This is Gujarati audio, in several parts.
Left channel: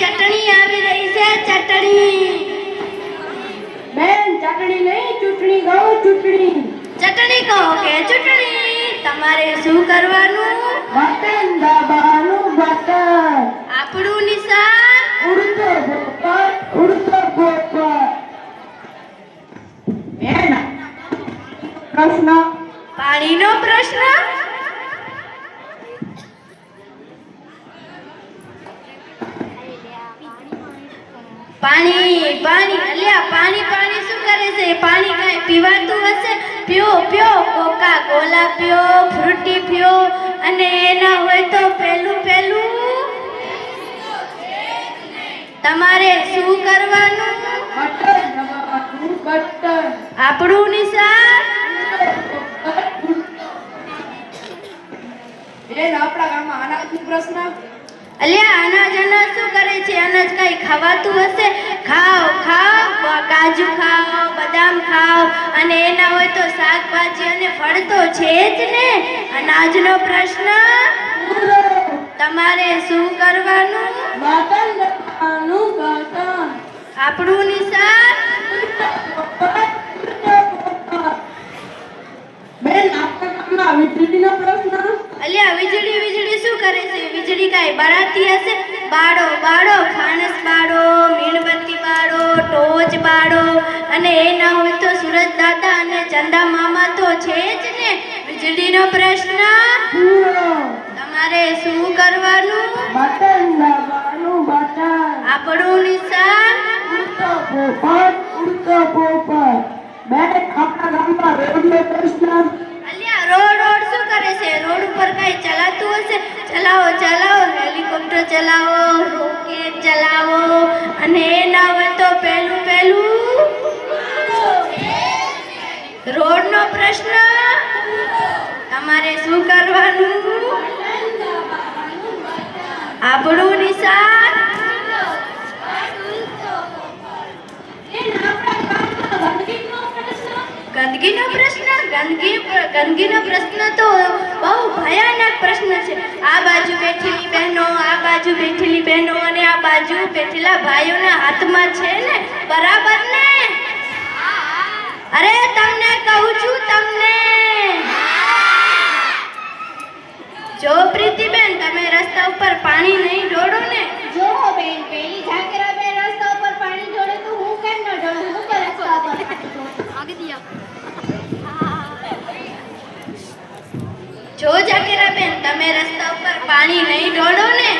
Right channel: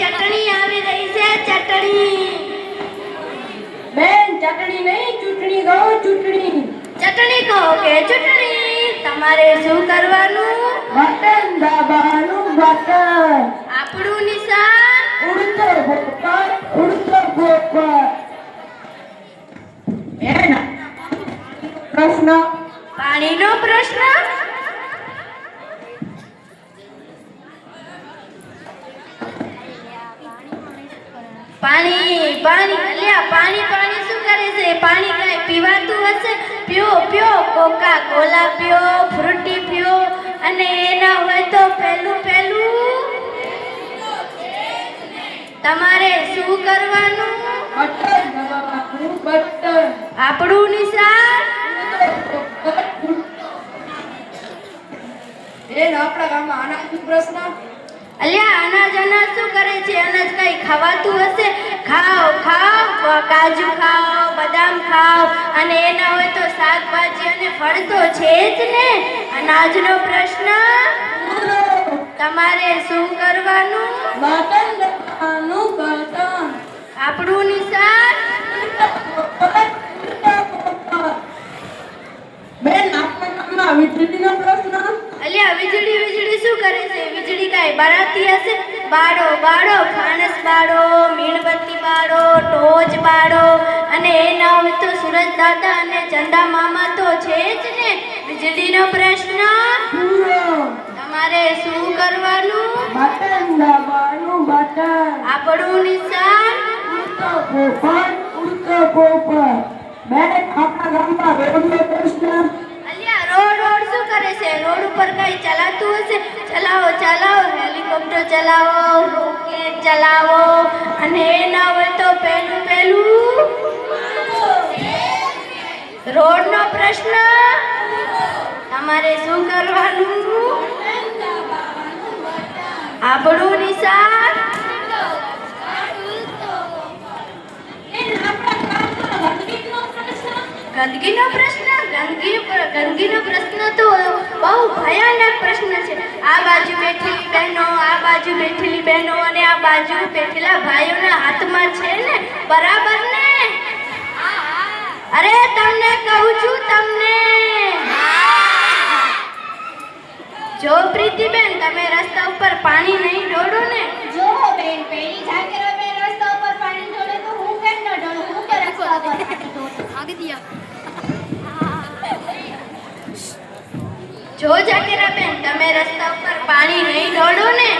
ચટણી આવી રહી છે ચટણી. બેન ચટણી નહીં ચૂંટણી કહો ચૂંટણી. ચટણી કહો કે ચૂંટણી, તમારે શું કરવાનું? બટન દબાવવાનું બટન. આપણું નિશાન ઉડતો ગોપર ઉડતો ગોપર. બેન પ્રશ્ન પાણીનો પ્રશ્ન. પાણી પાણી અલ્યા પાણી પાણી શું કરે છે? પાણી કાંઈ પીવાતું હશે? પીઓ પીઓ, કોકા કોલા પીઓ, ફ્રૂટી પીઓ, અને એના હોય તો પેલું પેલું તમારે શું કરવાનું? બટન દબાવવાનું બટન. આપણું નિશાન બેન આપણા ગામમાં અનાજનો પ્રશ્ન. અલ્યા અનાજ અનાજ શું કરે છે? અનાજ કઈ ખવાતું હશે? ખાઓ ખાઓ, કાજુ ખાઓ, બદામ ખાઓ, અને એના હોય તો શાકભાજી અને ફળ તો છે જ ને. અનાજનો પ્રશ્ન. તમારે શું કરવાનું? બટન દબાવવાનું બટન. આપણું નિશાન બેન આપણા ગામમાં વીજળીનો પ્રશ્ન. અલ્યા વીજળી વીજળી શું કરે છે? વીજળી કાંઈ બળાતી હશે? બાળો બાળો, ફાનસ બાળો, મીણબત્તી બાળો, ટોચ બાળો, અને એના હોય તો સુરજ દાદા અને ચંદા મામા તો છે જ ને. વીજળીનો પ્રશ્ન. તમારે શું કરવાનું? બટન દબાવવાનું બટન. આપણું નિશાન ઉડતો પોપટ ઉડતો પોપટ. બેન આપણા ગામમાં રેડિયો પ્રશ્ન. અલ્યા રોડ રોડ શું કરે છે? રોડ ઉપર કઈ ચલાતું હશે? ચલાવો ચલાવો, હેલિકોપ્ટર ચલાવો, રોકેટ ચલાવો, અને એના હોય તો પેલું પેલું રોડનો પ્રશ્ન. તમારે શું કરવાનું? આપણું નિશાન ગંદકીનો પ્રશ્ન. ગંદકીનો પ્રશ્ન તો બહુ ભયાનક પ્રશ્ન છે. આ બાજુ બેઠેલી બહેનો, આ બાજુ બેઠેલી બહેનો, અને આ બાજુ બેઠેલા ભાઈઓના હાથમાં છે ને બરાબર ને? અરે તમને કહું છું તમને. જો પ્રીતિબેન તમે રસ્તા ઉપર પાણી નહીં ઢોળો ને. જો બેન પેલી ઝાકરા બેન રસ્તા ઉપર પાણી ઢોળે તો હું કેમ ન ઢોળું? હું કે રસ્તા ઉપર પાણી ઢોળું? જો જાકેરાબેન તમે રસ્તા ઉપર પાણી નહીં ઢોળો ને.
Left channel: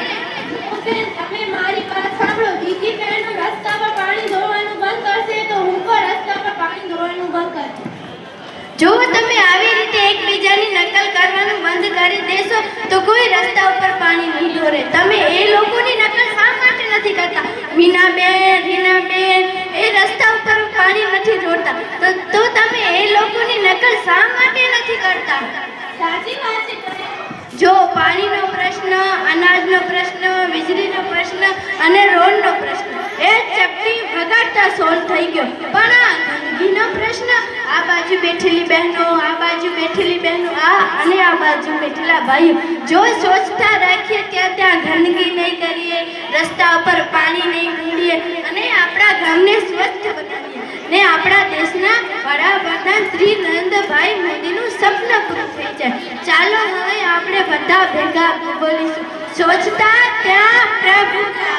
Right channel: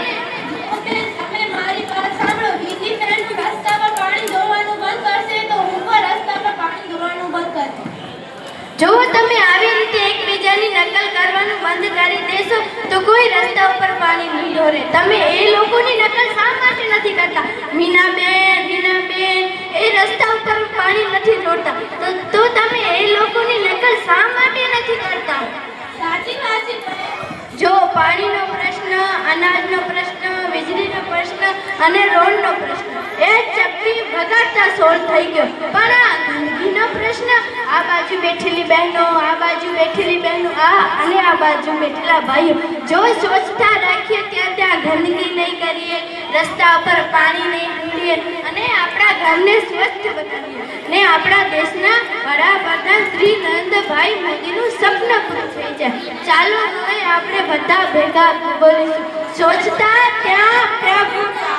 તમે મારી વાત સાંભળો. બીજી બહેન રસ્તા પર પાણી ઢોળવાનું બંધ કરશે તો હું પણ રસ્તા પર પાણી ઢોળવાનું બંધ કરીશ. જો તમે આવી રીતે એકબીજાની નકલ કરવાનું બંધ કરી દેશો તો કોઈ રસ્તા ઉપર પાણી નહીં ઢોળે. તમે એ લોકોની નકલ શા માટે નથી કરતા? મીનાબેન એ રસ્તા ઉપર પાણી નથી ઢોળતા, તો તમે એ લોકોની નકલ શા માટે નથી કરતા? સાચી વાત છે. જો પાણીનો પ્રશ્ન, અનાજનો પ્રશ્ન, વીજળીનો પ્રશ્ન અને રોડનો પ્રશ્ન એ ચપટી વગાડતા સોલ્વ થઈ ગયો. પણ આ ગંદકીનો પ્રશ્ન, આ બાજુ બેઠેલી બહેનો, આ બાજુ બેઠેલી બહેનો, અને આ બાજુ બેઠેલા ભાઈઓ, જો સ્વચ્છતા રાખીએ ત્યાં ગંદકી નહીં કરીએ, રસ્તા ઉપર પાણી નહીં ઢોળીએ, અને આપણા ગામને સ્વચ્છ બનાવીએ, ને આપણા દેશના વડાપ્રધાન શ્રી નરેન્દ્રભાઈ મોદીનું સપનું પૂરું થઈ જાય. ચાલો હવે આપણે બધા ભેગા બોલીશું, સ્વચ્છતા ત્યાં પ્રભુતા.